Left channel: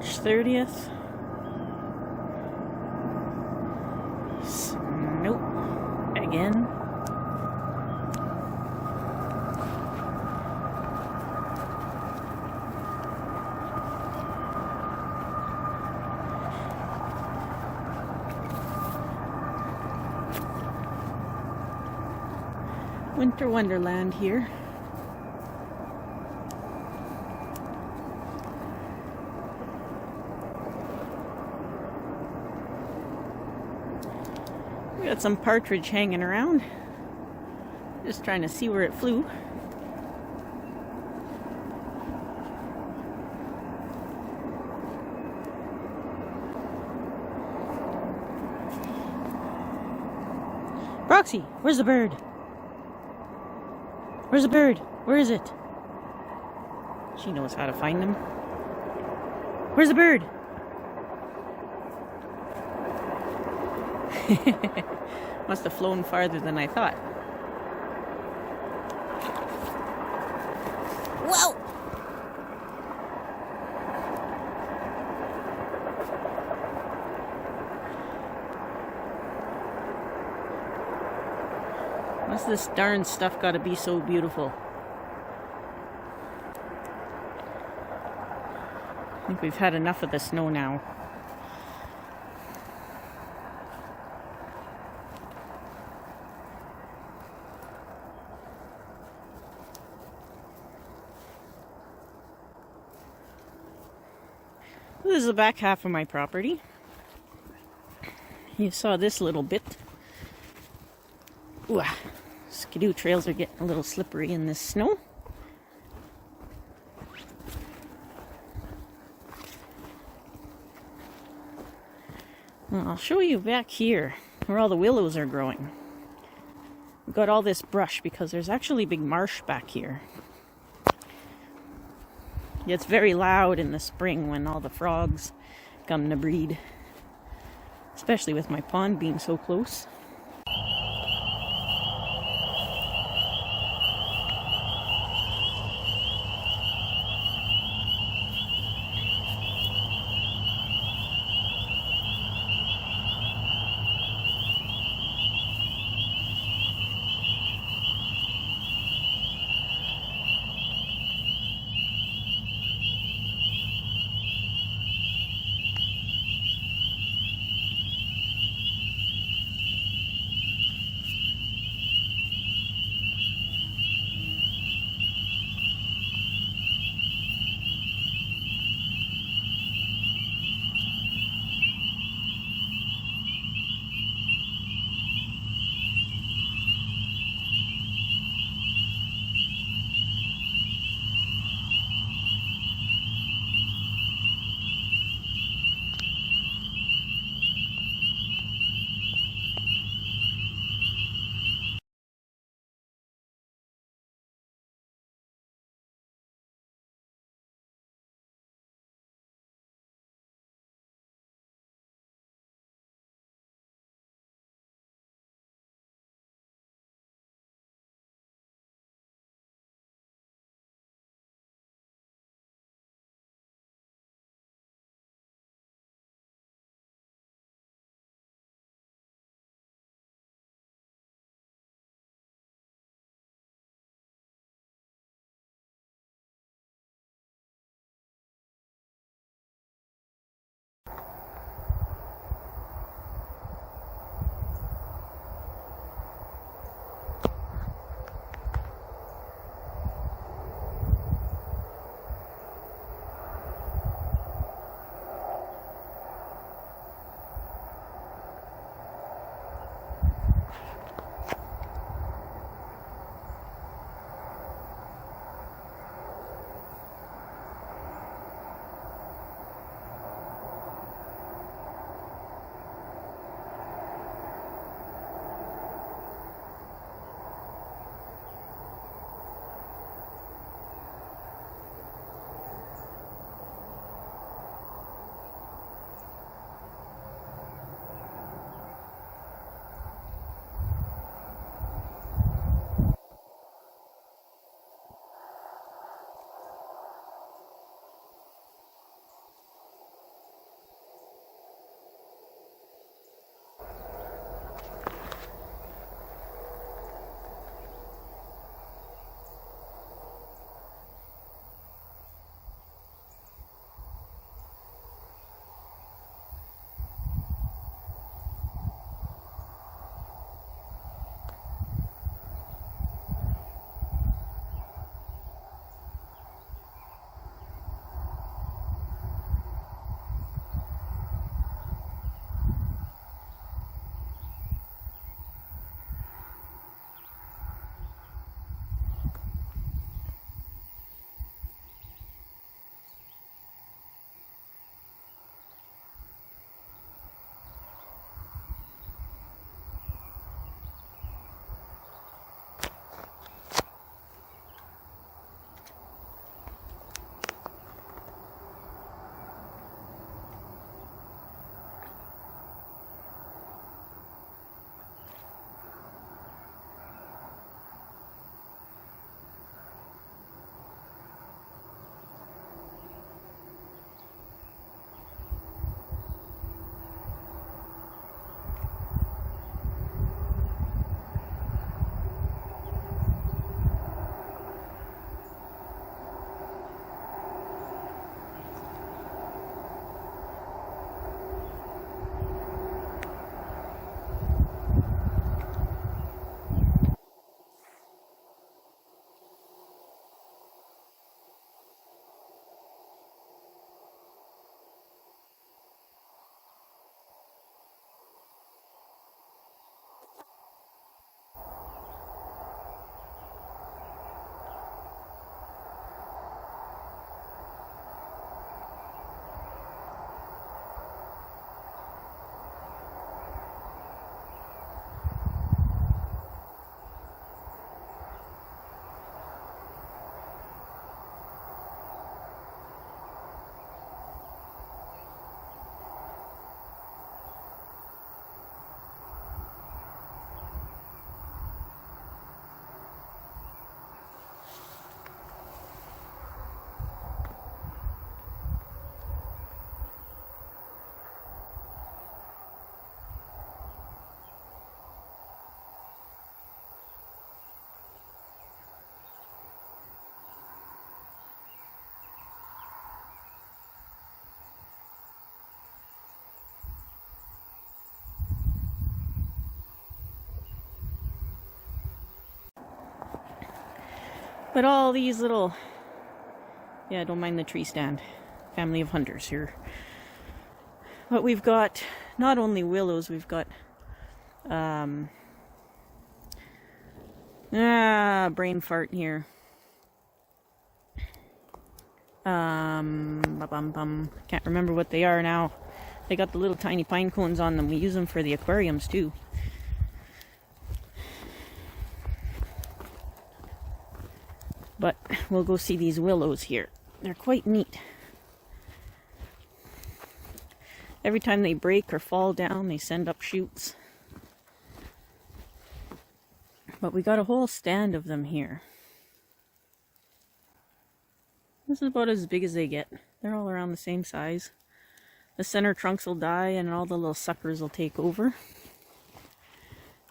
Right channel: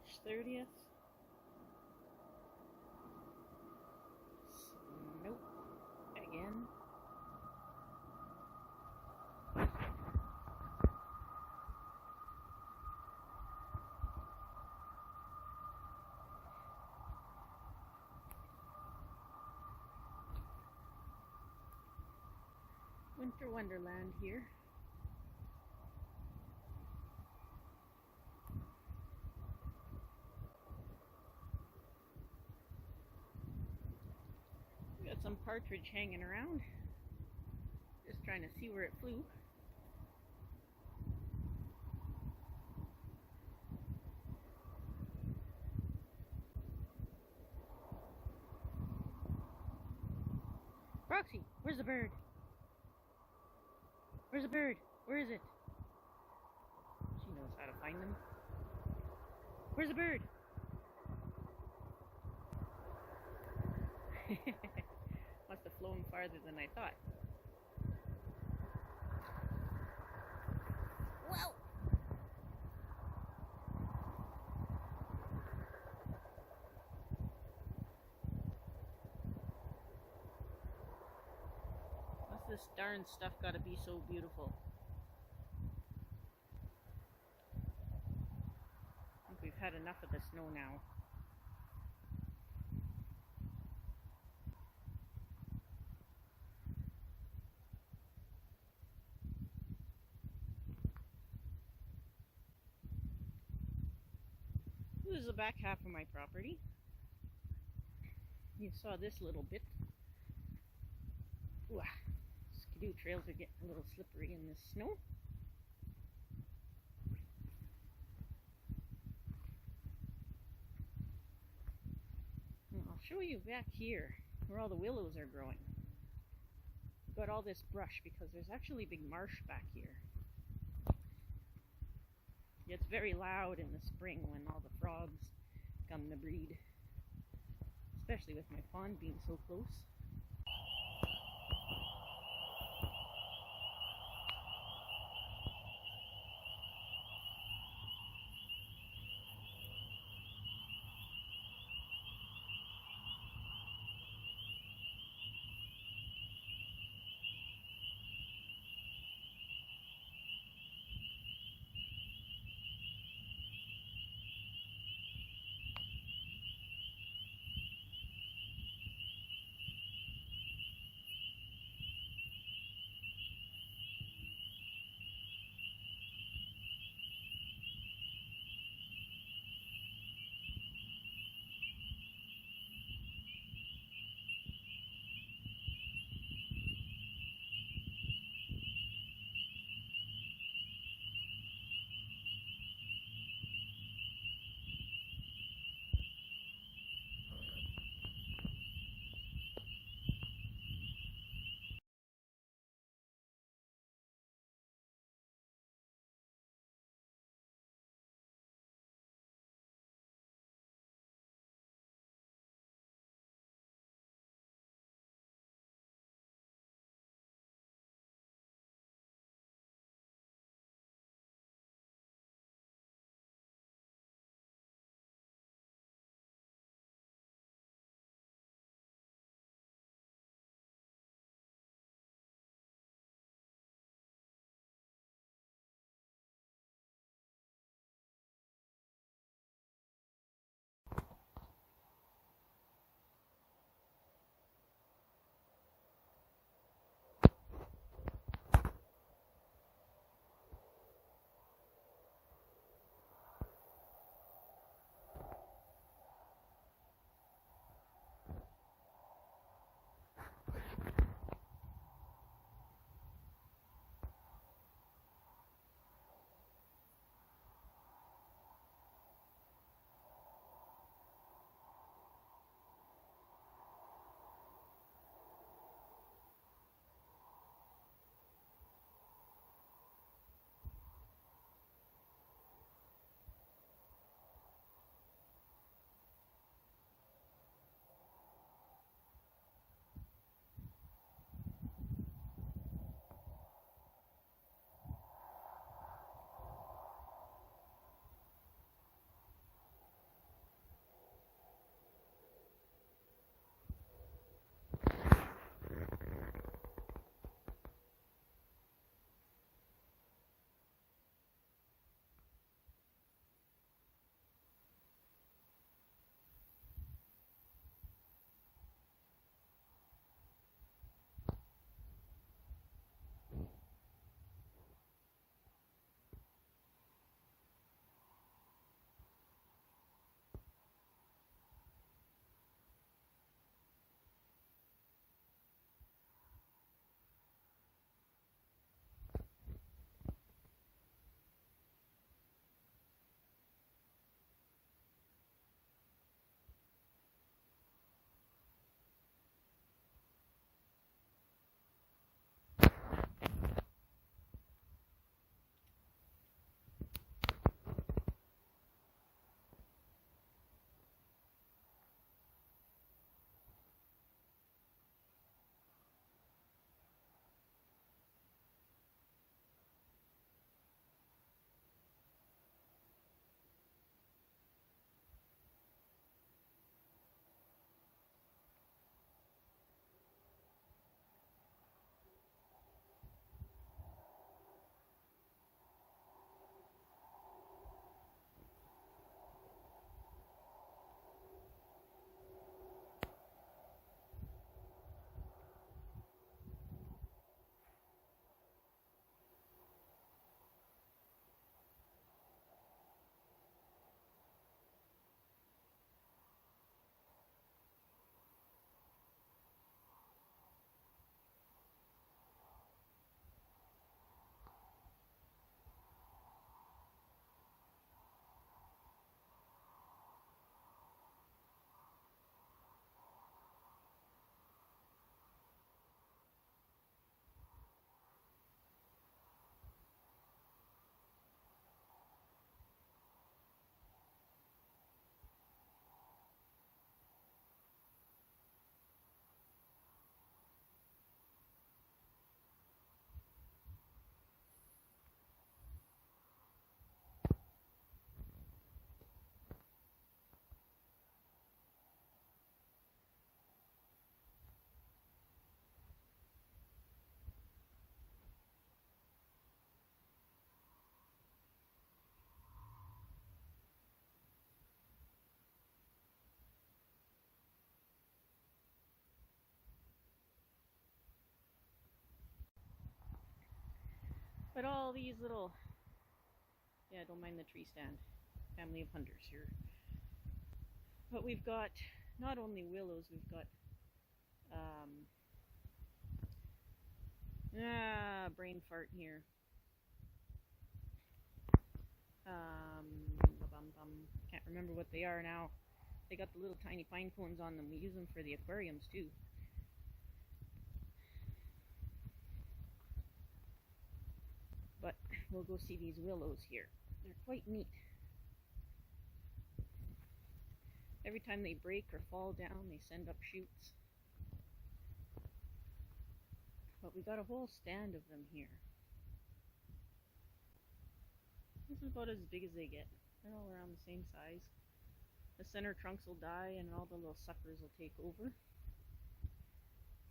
March 30th. Nope. Again. Winter Wonderland here. We got some partridge hanging around. Just trying to see where it flew. Roxy, where's the bird? Where's the bird? Where is it? She knows how to find them. Where's the bird? Must have flown farther than I thought. Whoa! What's this darn stuff gotta be so beautiful? I think we've had enough of the snow now. This is the back half of my property. You saw this little bit. Ooh, skidoo trails are getting a little slippery in this snow. Well, I'll show you back here where all the willows are growing. We've got all this brush because there's actually big marsh back here. It gets very loud in the spring when all the frogs come to breed, especially with my pond being so close. But all these little, yeah, don't mind the tree stand, family of hunters here. But we've got not only willows, we've got brain fart here. Can't remember what they are now. They got the little tiny pine cones on them. We use them for the aquariums too. But we'll go see these willows here. They're quite neat. Every time they break or fall down, they send up shoots. But we got a whole stand of them here. This is about as big as they get. They're all around the same size. The center trunks will die and all the little suckers will take over.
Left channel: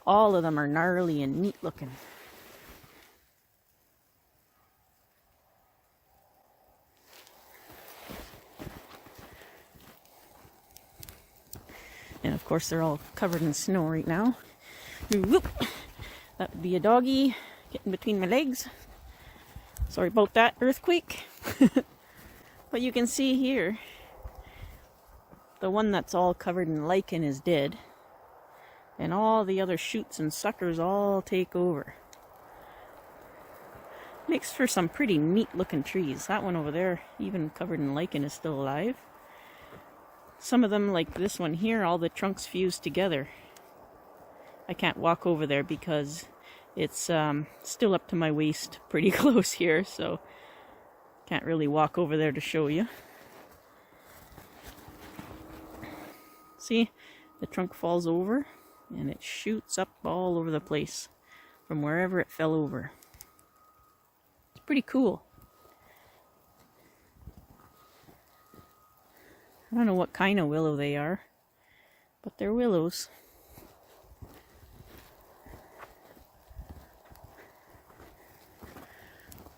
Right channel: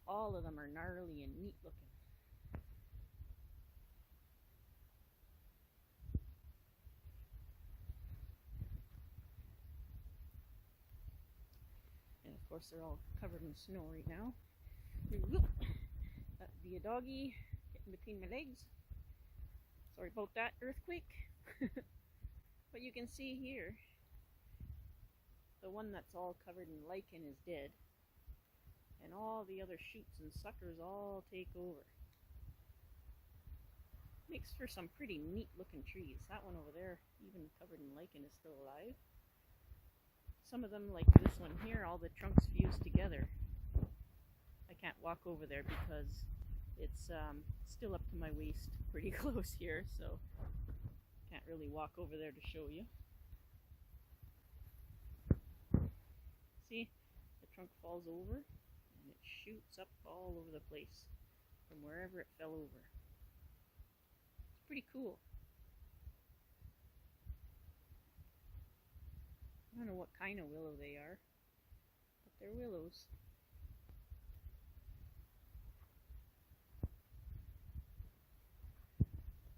All of them are gnarly and neat looking. And of course they're all covered in snow right now. Whoop. That would be a doggy getting between my legs. Sorry about that, earthquake. But you can see here, the one that's all covered in lichen is dead. And all the other shoots and suckers all take over. Makes for some pretty neat looking trees. That one over there, even covered in lichen, is still alive. Some of them, like this one here, all the trunks fused together. I can't walk over there because it's still up to my waist pretty close here, so can't really walk over there to show you. See, the trunk falls over and it shoots up all over the place from wherever it fell over. It's pretty cool. I don't know what kind of willow they are, but they're willows.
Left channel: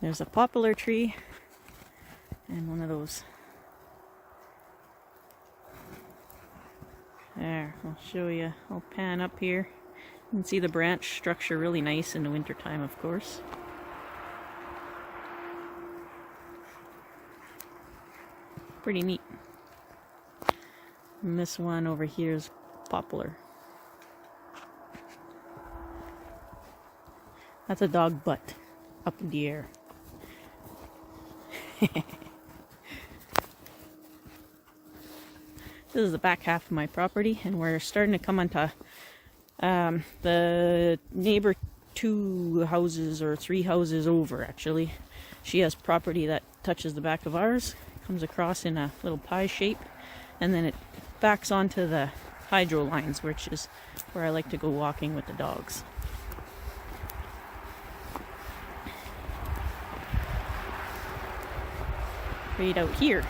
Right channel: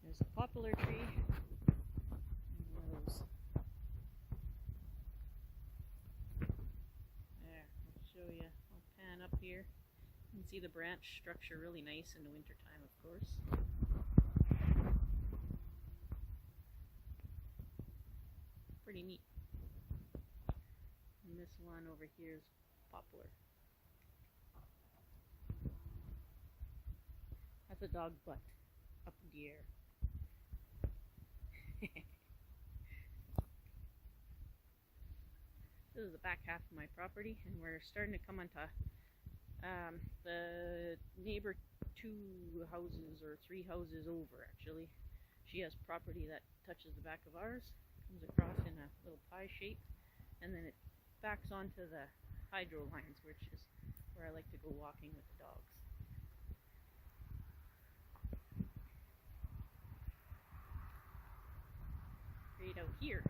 There's a poplar tree and one of those. There, I'll show you. I'll pan up here. You can see the branch structure really nice in the wintertime, of course. Pretty neat. And this one over here is poplar. That's a dog butt up in the air. This is the back half of my property, and we're starting to come onto the neighbor 2 houses or 3 houses over, actually. She has property that touches the back of ours, comes across in a little pie shape, and then it backs onto the hydro lines, which is where I like to go walking with the dogs. Right out here.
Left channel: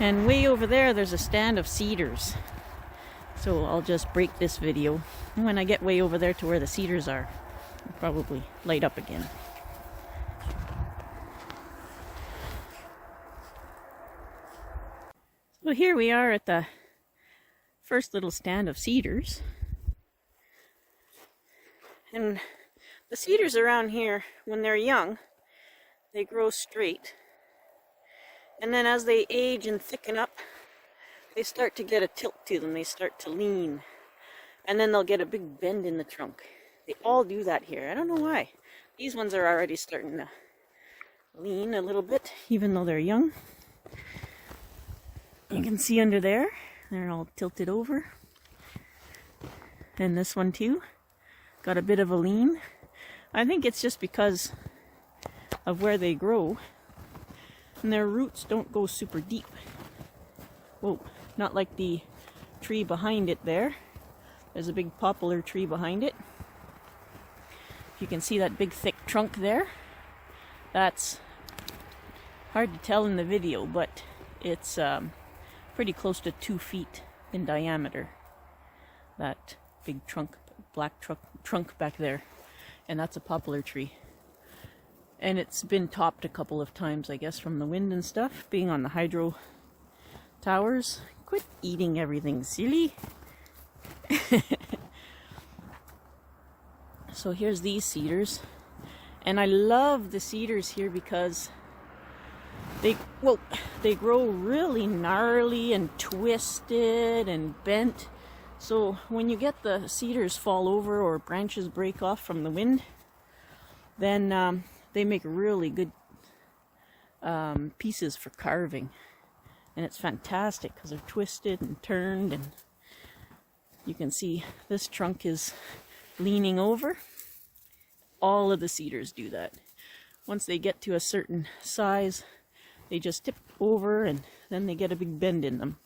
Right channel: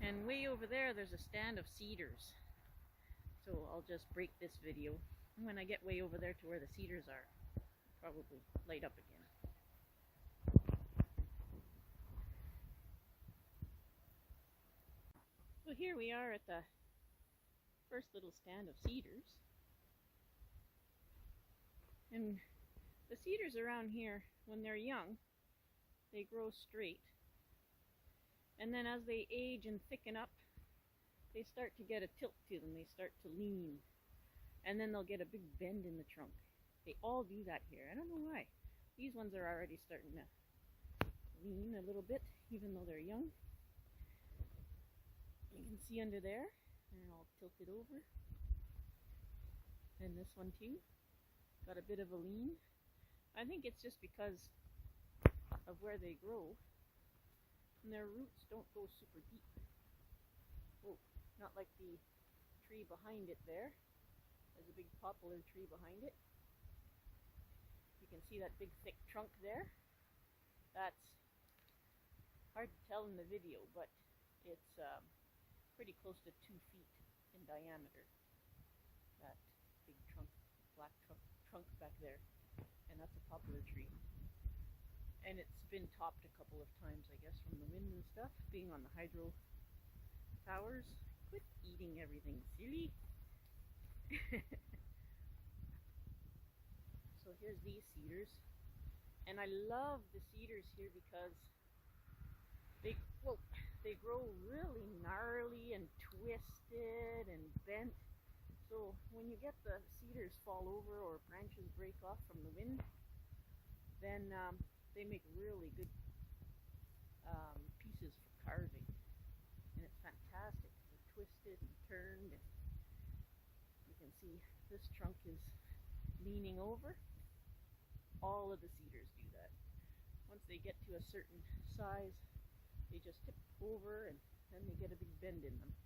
And way over there, there's a stand of cedars. So I'll just break this video. And when I get way over there to where the cedars are, I'll probably light up again. So here we are at the first little stand of cedars. And the cedars around here, when they're young, they grow straight. And then as they age and thicken up, they start to get a tilt to them. They start to lean. And then they'll get a big bend in the trunk. They all do that here. I don't know why. These ones are already starting to lean a little bit, even though they're young. You can see under there, they're all tilted over. And this one too, got a bit of a lean. I think it's just because of where they grow. And their roots don't go super deep. Whoa, not like the tree behind it there. There's a big poplar tree behind it. You can see that big thick trunk there. That's hard to tell in the video, but it's pretty close to 2 feet in diameter. That big trunk, black trunk back there. And that's a poplar tree. And it's been topped a couple of times, I guess, from the wind and stuff, being on the hydro towers. Quit eating everything, silly. So here's these cedars. And I love the cedars here because they grow really gnarly and twisted and bent. So when you get the cedars fall over or branches break off from the wind, then they make really good pieces for carving. And it's fantastic because they're twisted and turned, and you can see this trunk is leaning over. All of the cedars do that. Once they get to a certain size, they just tip over and then they get a big bend in them.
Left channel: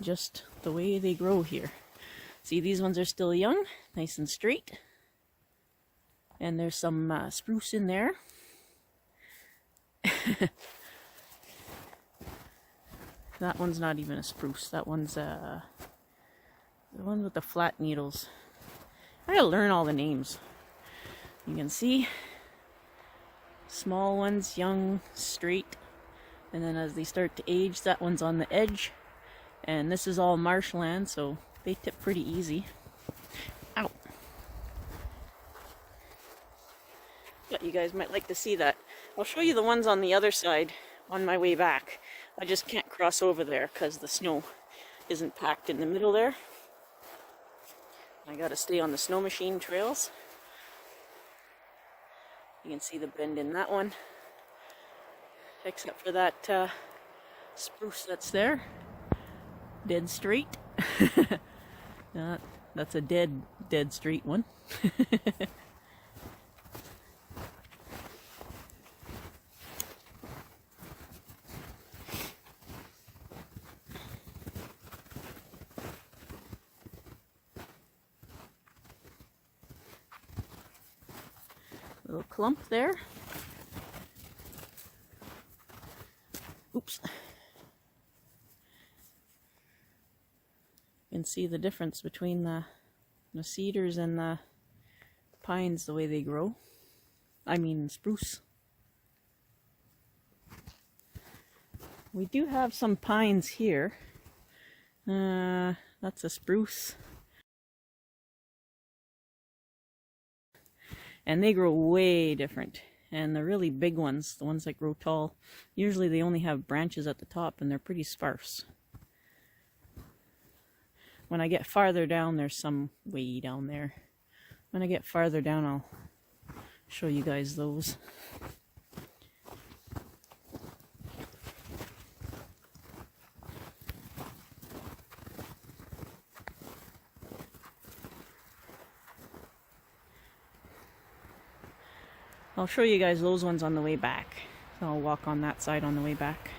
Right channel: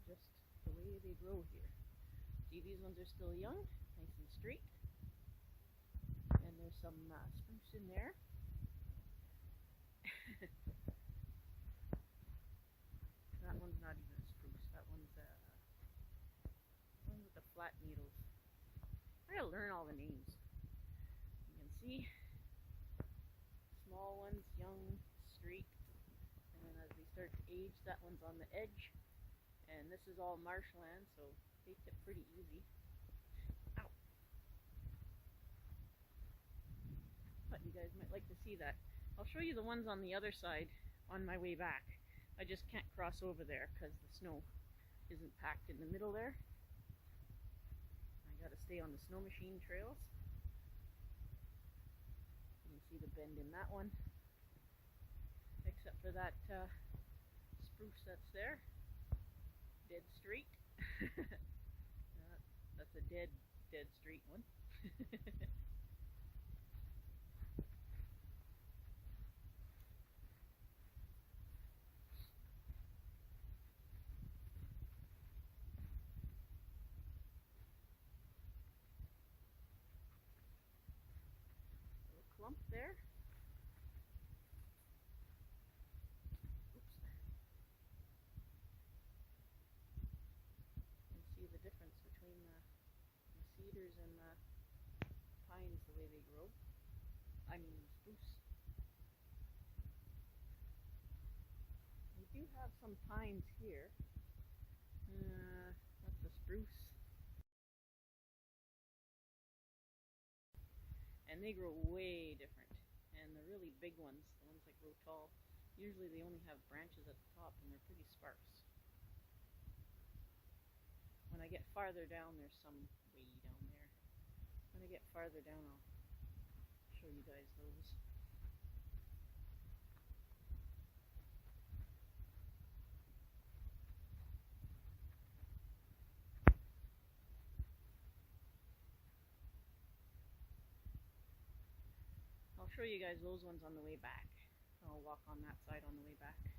Just the way they grow here. See, these ones are still young, nice and straight. And there's some spruce in there. That one's not even a spruce. That one's the one with the flat needles. I gotta learn all the names. You can see small ones, young, straight, and then as they start to age, that one's on the edge. And this is all marshland, so they tip pretty easy. Ow! But you guys might like to see that. I'll show you the ones on the other side on my way back. I just can't cross over there because the snow isn't packed in the middle there. I gotta stay on the snow machine trails. You can see the bend in that one, except for that spruce that's there, dead straight. That's a dead straight one. Little clump there. Oops. You can see the difference between the cedars and the pines, the way they grow. I mean spruce. We do have some pines here. That's a spruce. And they grow way different. And the really big ones, the ones that grow tall, usually they only have branches at the top and they're pretty sparse. When I get farther down, there's some way down there. When I get farther down, I'll show you guys those. I'll show you guys those ones on the way back. So I'll walk on that side on the way back.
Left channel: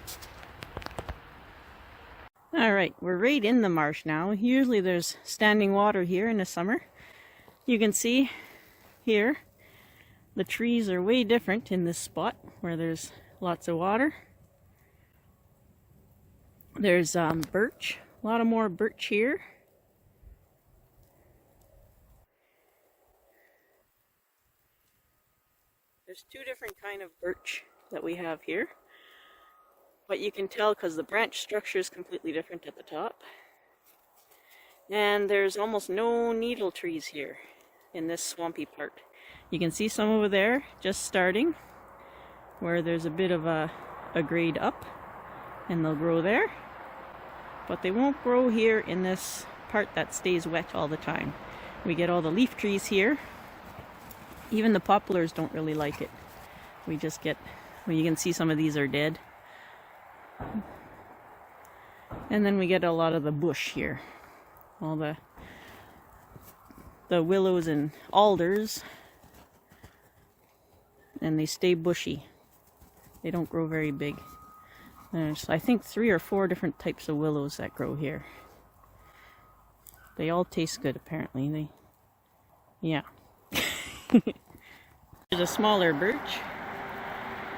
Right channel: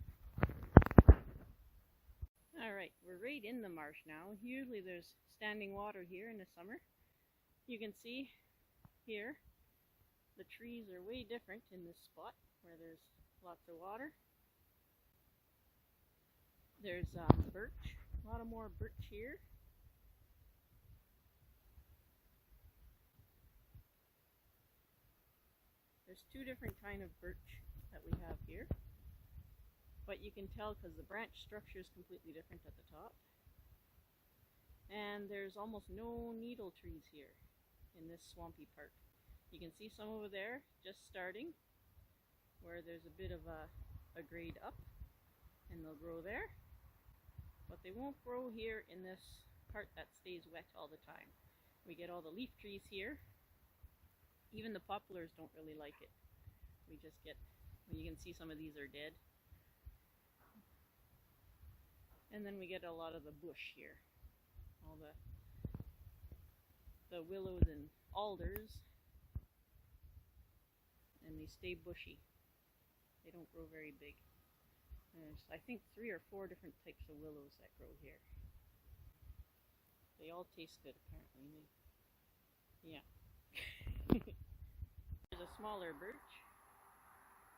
Alright, we're right in the marsh now. Usually there's standing water here in the summer. You can see here the trees are way different in this spot where there's lots of water. There's birch, a lot of more birch here. There's two different kind of birch that we have here. But you can tell because the branch structure is completely different at the top. And there's almost no needle trees here in this swampy part. You can see some over there just starting where there's a bit of a grade up, and they'll grow there. But they won't grow here in this part that stays wet all the time. We get all the leaf trees here. Even the poplars don't really like it. We just get, well, you can see some of these are dead. And then we get a lot of the bush here. All the willows and alders. And they stay bushy. They don't grow very big. There's, I think, 3 or 4 different types of willows that grow here. They all taste good, apparently. Yeah. There's a smaller birch,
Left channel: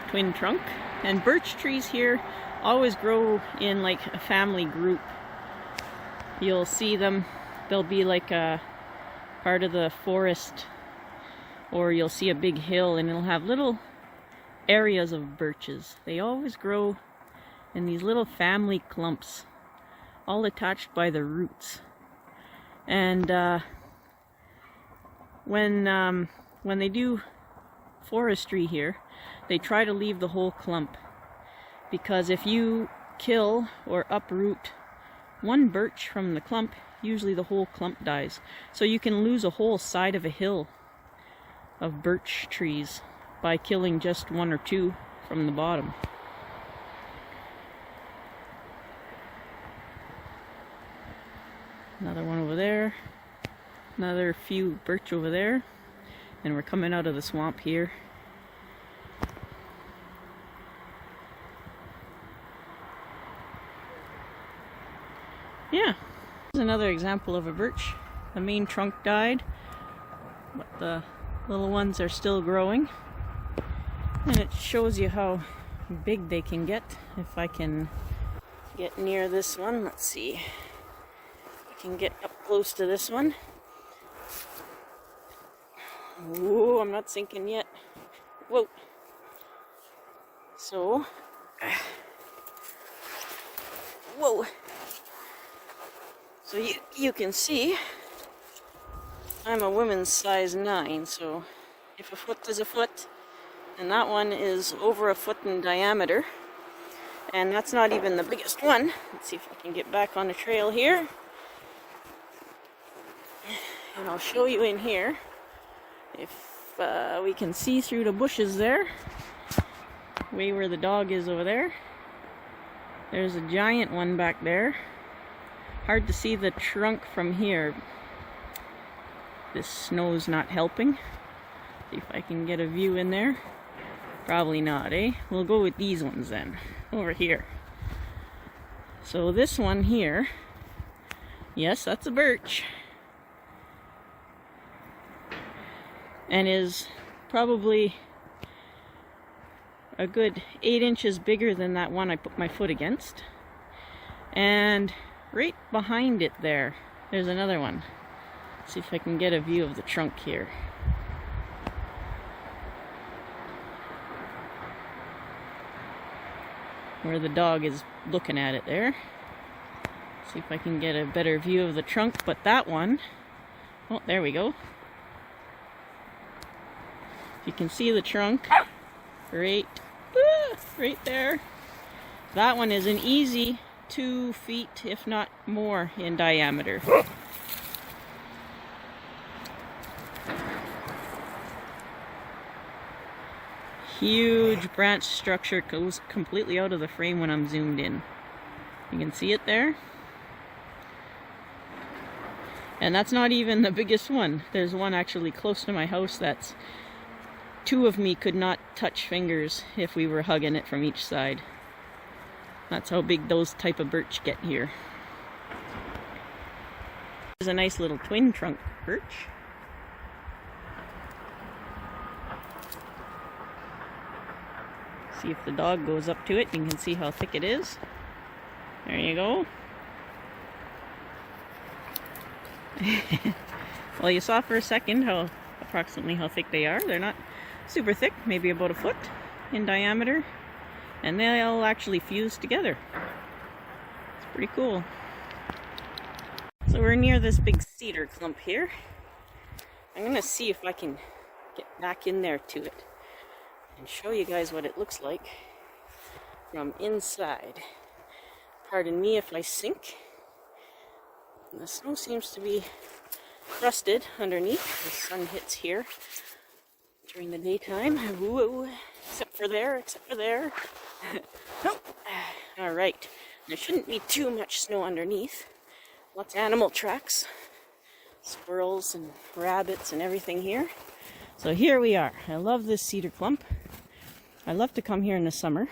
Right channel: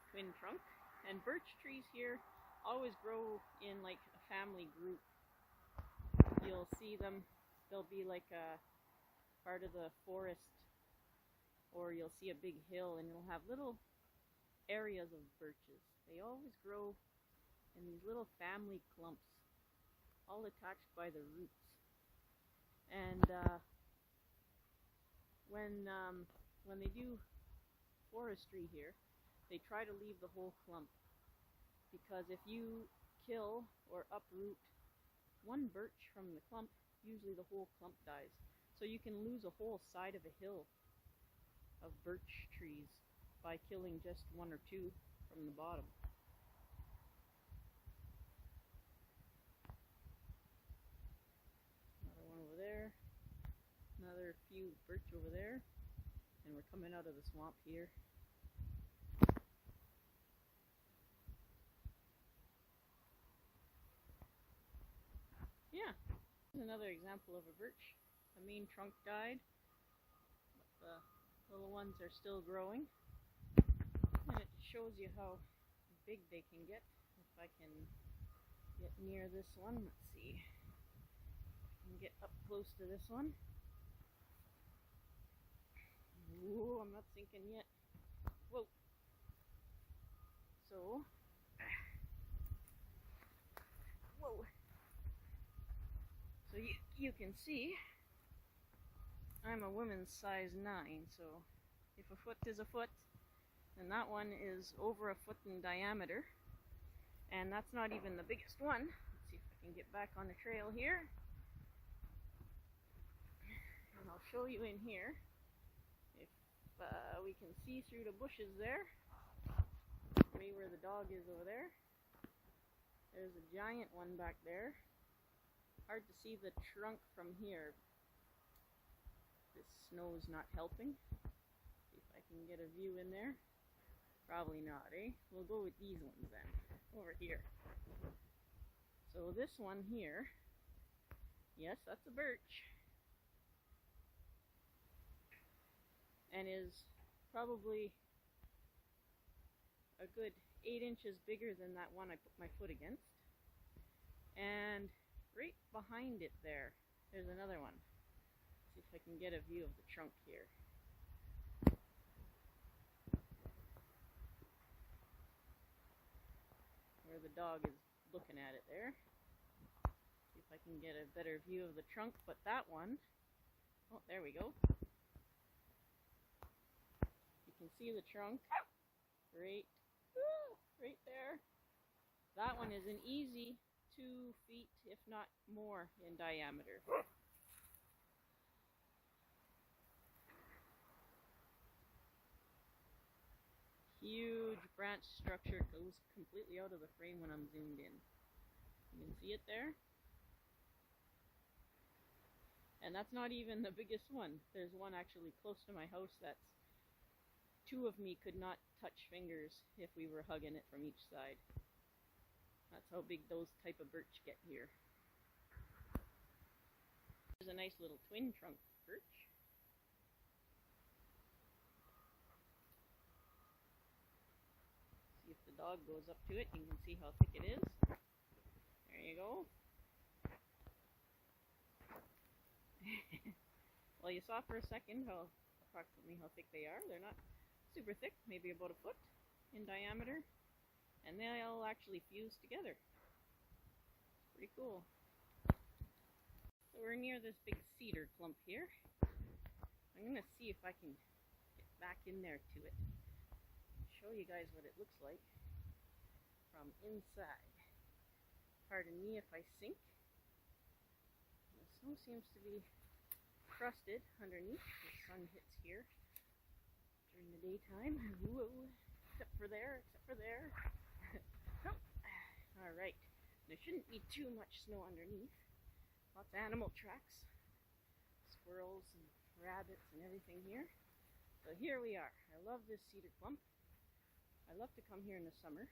twin trunk, and birch trees here always grow in like a family group. You'll see them, they'll be like a part of the forest, or you'll see a big hill and it'll have little areas of birches. They always grow in these little family clumps, all attached by the roots. And when they do forestry here, they try to leave the whole clump, because if you kill or uproot one birch from the clump, usually the whole clump dies. So you can lose a whole side of a hill of birch trees by killing just one or two from the bottom. Another one over there. Another few birch over there. And we're coming out of the swamp here. Yeah, here's another example of a birch. The main trunk died, but the little ones are still growing. And it shows you how big they can get. If I can get near this one, let's see. I can get up close to this one. Ooh, I'm not sinking yet. Whoa. So, whoa. So you can see I'm a woman's size 9, so if a foot is a foot, and that one is over a foot in diameter, and that's not even the biggest one. Let's see if I can get back on the trail here, and I'll show you in here if we can see through the bushes there, way where the dog is over there. There's a giant one back there. Hard to see the trunk from here. This snow's not helping. See if I can get a view in there. Probably not, eh? We'll go with these ones then, over here. So this one here, yes, that's a birch, and is probably a good 8 inches bigger than that one I put my foot against. And right behind it there's another one. Let's see if I can get a view of the trunk here. Where the dog is looking at it there. See if I can get a better view of the trunk, but that one, oh, there we go. You can see the trunk right there. That one is an easy 2 feet, if not more, in diameter. Huge branch structure, goes completely out of the frame when I'm zoomed in. You can see it there. And that's not even the biggest one. There's one actually close to my house that's 2 of me could not touch fingers if we were hugging it from each side. That's how big those type of birch get here. There's a nice little twin trunk birch. See if the dog goes up to it, you can see how thick it is. There you go. Well, you saw for a second approximately how thick they are. They're not super thick, maybe about a foot in diameter, and they'll actually fuse together. It's pretty cool. So we're near this big cedar clump here. I'm gonna see if I can get back in there to it and show you guys what it looks like from inside. Pardon me if I sink. The snow seems to be crusted underneath. The sun hits here during the daytime. Whoa. Except for there. Nope. All right. There shouldn't be too much snow underneath. Lots of animal tracks. Squirrels and rabbits and everything here. So here we are. I love this cedar clump. I love to come here in the summer.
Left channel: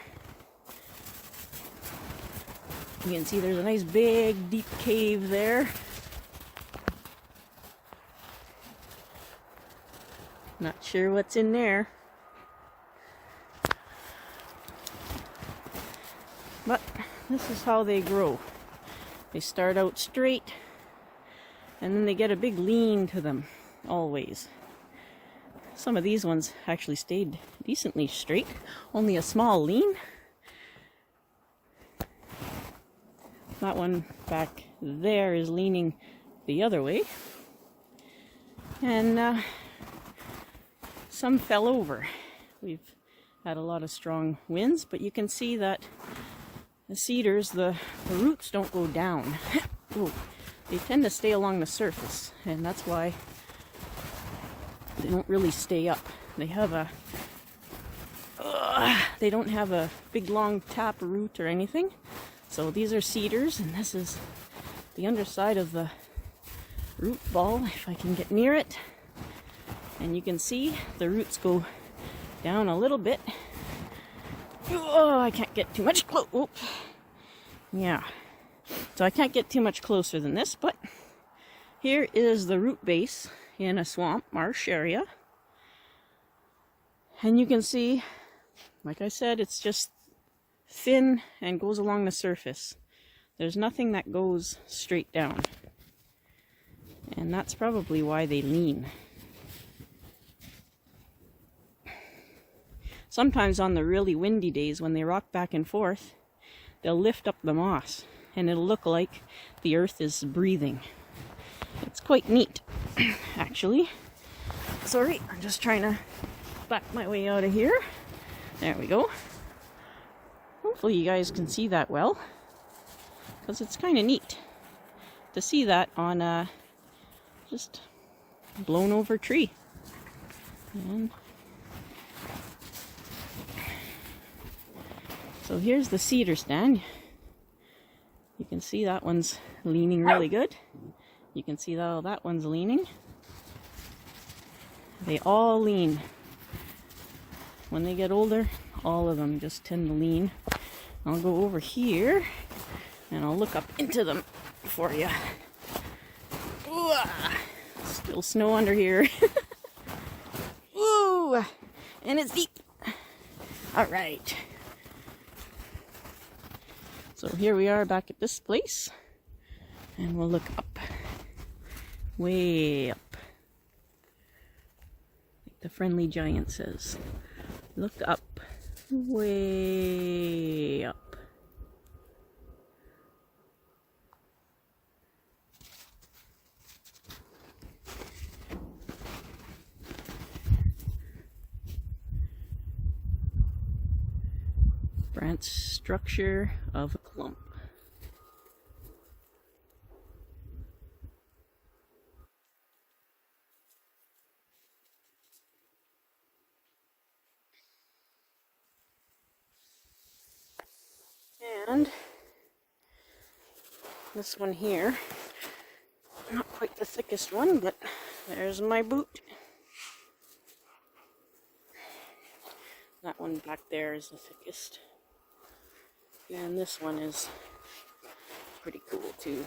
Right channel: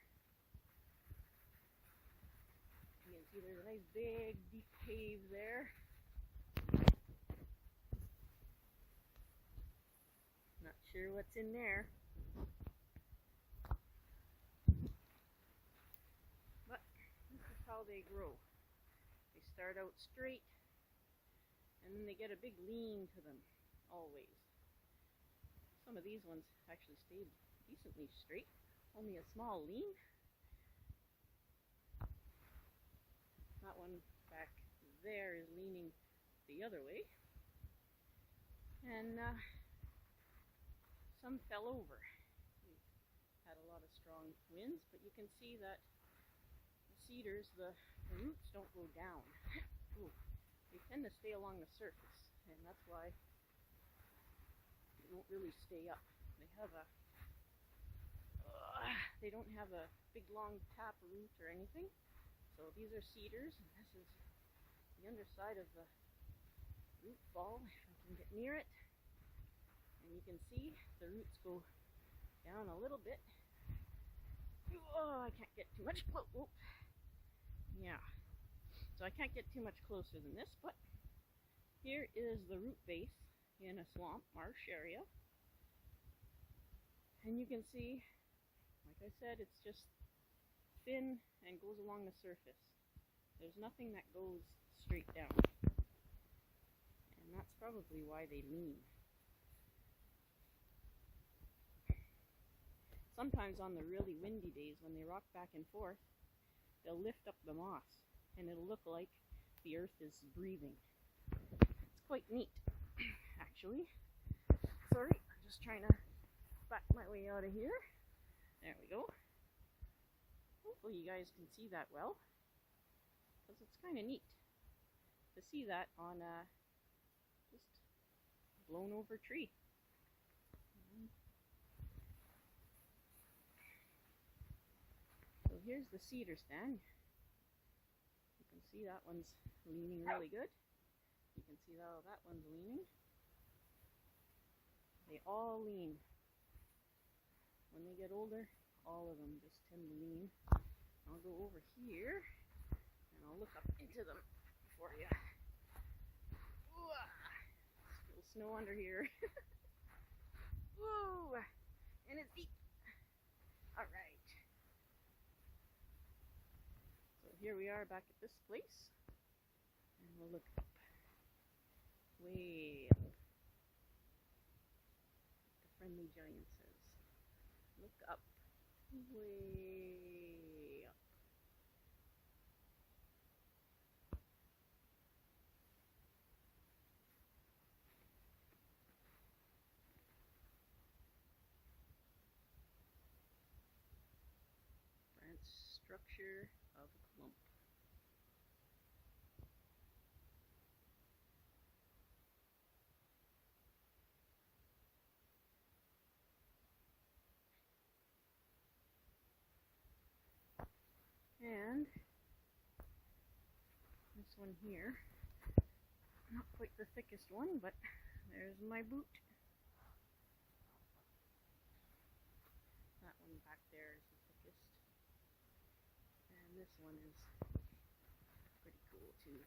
You can see there's a nice big deep cave there. Not sure what's in there. But this is how they grow. They start out straight and then they get a big lean to them, always. Some of these ones actually stayed decently straight, only a small lean. That one back there is leaning the other way. And some fell over. We've had a lot of strong winds, but you can see that the cedars, the roots don't go down. Ooh, they tend to stay along the surface, and that's why they don't really stay up. They have they don't have a big long tap root or anything. So these are cedars, and this is the underside of the root ball, if I can get near it. And you can see the roots go down a little bit. Oh, I can't get too much close. Oh. Yeah. So I can't get too much closer than this, but here is the root base in a swamp, marsh area. And you can see, like I said, it's just thin and goes along the surface. There's nothing that goes straight down. And that's probably why they lean. Sometimes on the really windy days when they rock back and forth, they'll lift up the moss and it'll look like the earth is breathing. It's quite neat, actually. Sorry, I'm just trying to back my way out of here. There we go. Hopefully you guys can see that well, because it's kind of neat to see that on a just blown over tree. And so here's the cedar stand. You can see that one's leaning really good. You can see that that one's leaning. They all lean. When they get older, all of them just tend to lean. I'll go over here and I'll look up into them for you. Ooh, still snow under here. Ooh, and it's deep. All right. So here we are back at this place, and we'll look up, way up. Like the Friendly Giant says, look up, way up. Branch structure of a clump. And this one here, not quite the thickest one, but there's my boot. That one back there is the thickest. And this one is pretty cool too.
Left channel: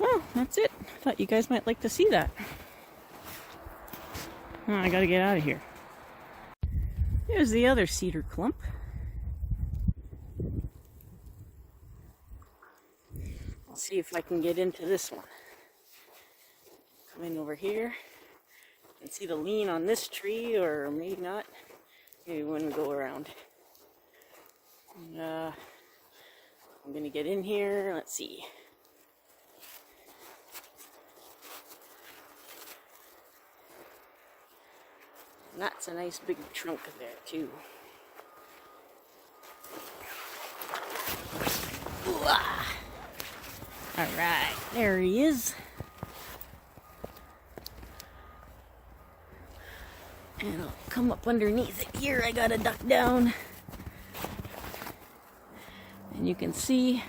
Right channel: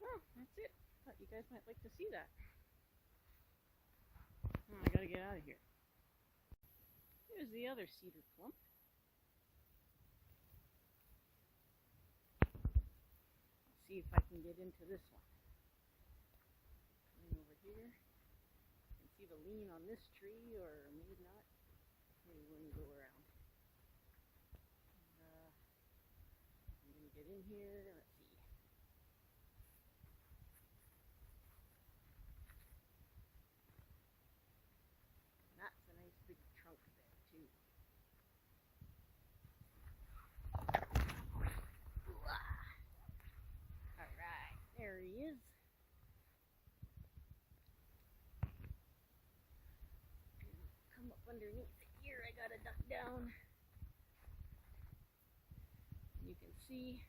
Well, that's it. Thought you guys might like to see that. Oh, I gotta get out of here. Here's the other cedar clump. I'll see if I can get into this one. Come in over here and see the lean on this tree, or maybe not. Maybe when we go around. And, I'm gonna get in here. Let's see. And that's a nice big trunk there too. All right, there he is. And I'll come up underneath it here. I gotta duck down. And you can see,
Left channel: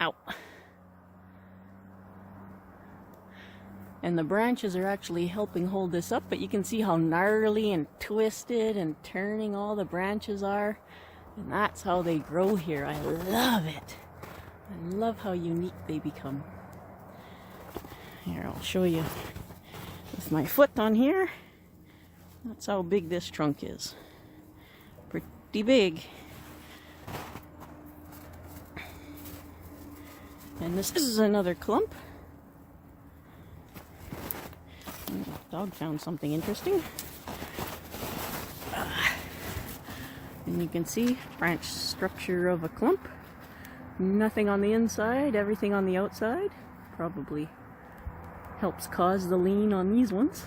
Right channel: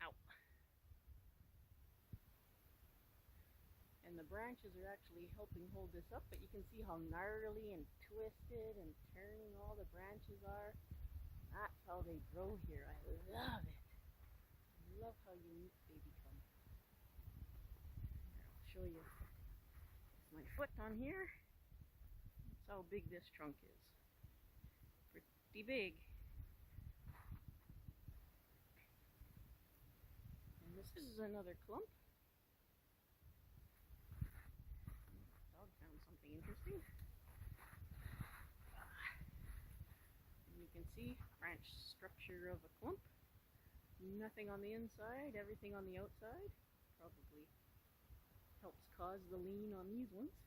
ow. And the branches are actually helping hold this up, but you can see how gnarly and twisted and turning all the branches are. And that's how they grow here. I love it. I love how unique they become. Here, I'll show you with my foot on here. That's how big this trunk is. Pretty big. And this is another clump. The dog found something interesting. And you can see branch structure of a clump. Nothing on the inside, everything on the outside. Probably helps cause the lean on these ones.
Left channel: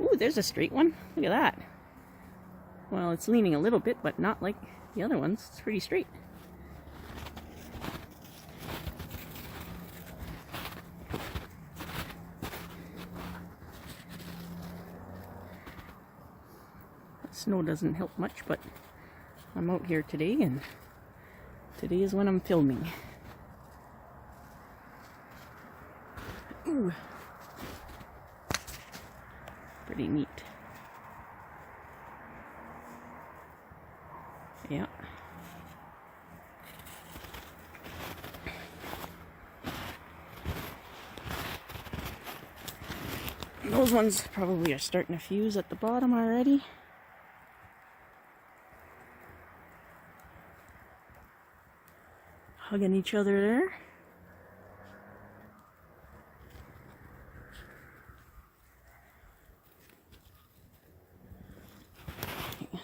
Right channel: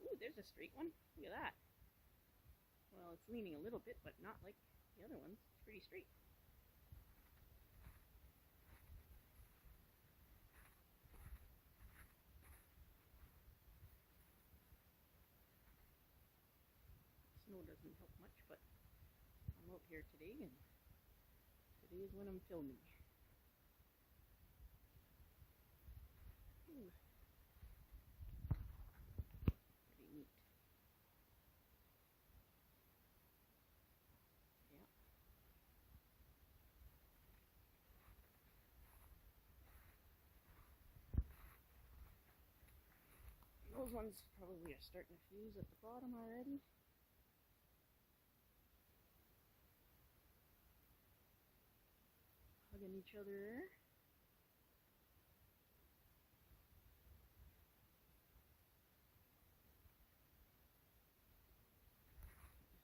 Ooh, there's a straight one. Look at that. Well, it's leaning a little bit, but not like the other ones. It's pretty straight. Snow doesn't help much, but I'm out here today, and today is when I'm filming. Ooh. Pretty neat. Yeah. Those ones probably are starting to fuse at the bottom already. Hugging each other there.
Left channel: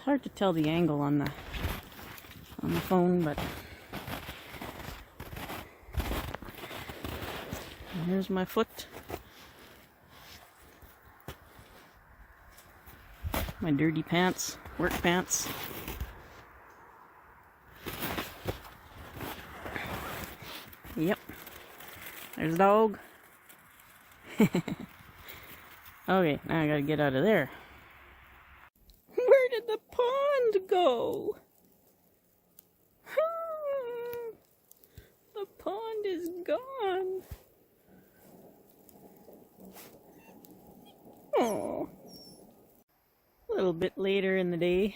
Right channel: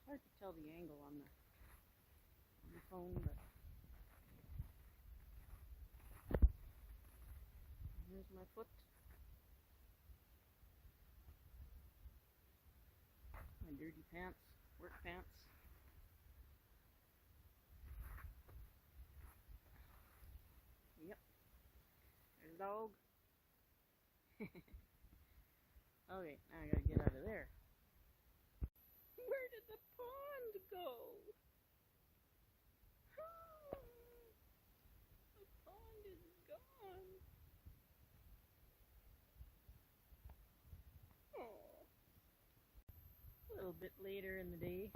Hard to tell the angle on the phone, but here's my foot. My dirty pants, work pants. Yep. There's the dog. Okay, now I gotta get out of there. Where did the pond go? The pond is gone. Oh. A little bit later in the day,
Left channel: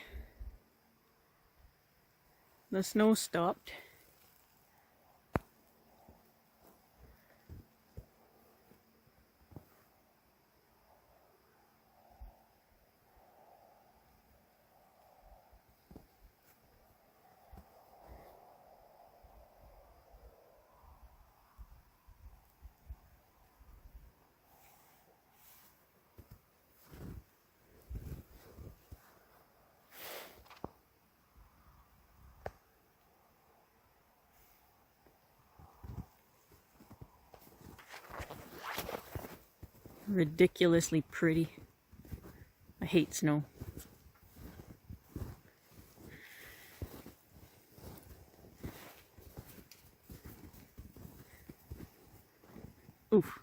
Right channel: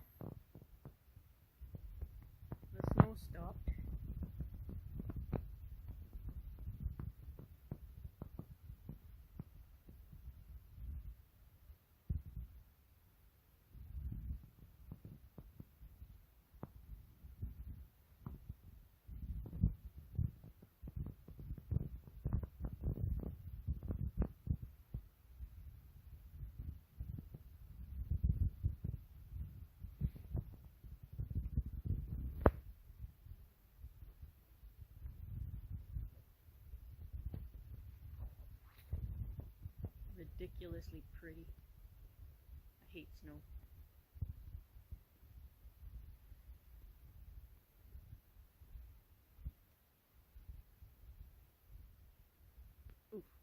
the snow stopped. Ridiculously pretty. I hate snow. Oof.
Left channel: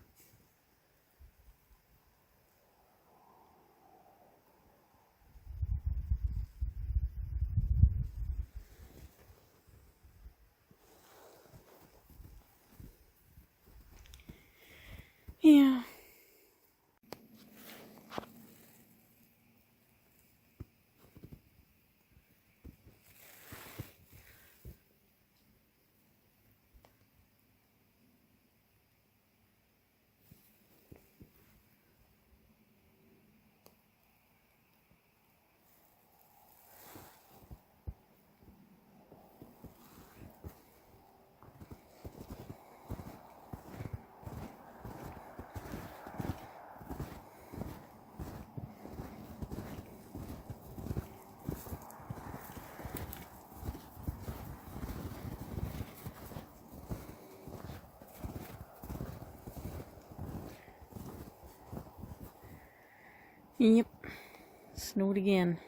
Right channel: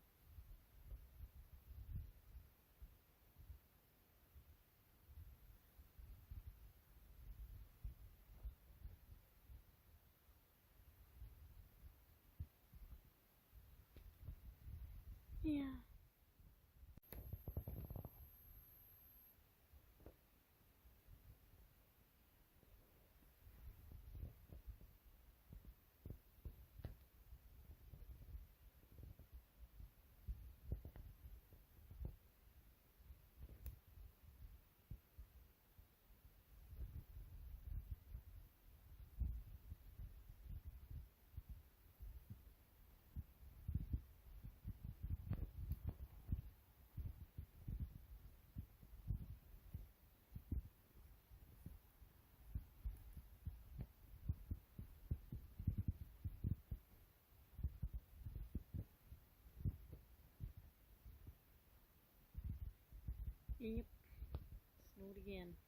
Yeah. Yep. Snowed again.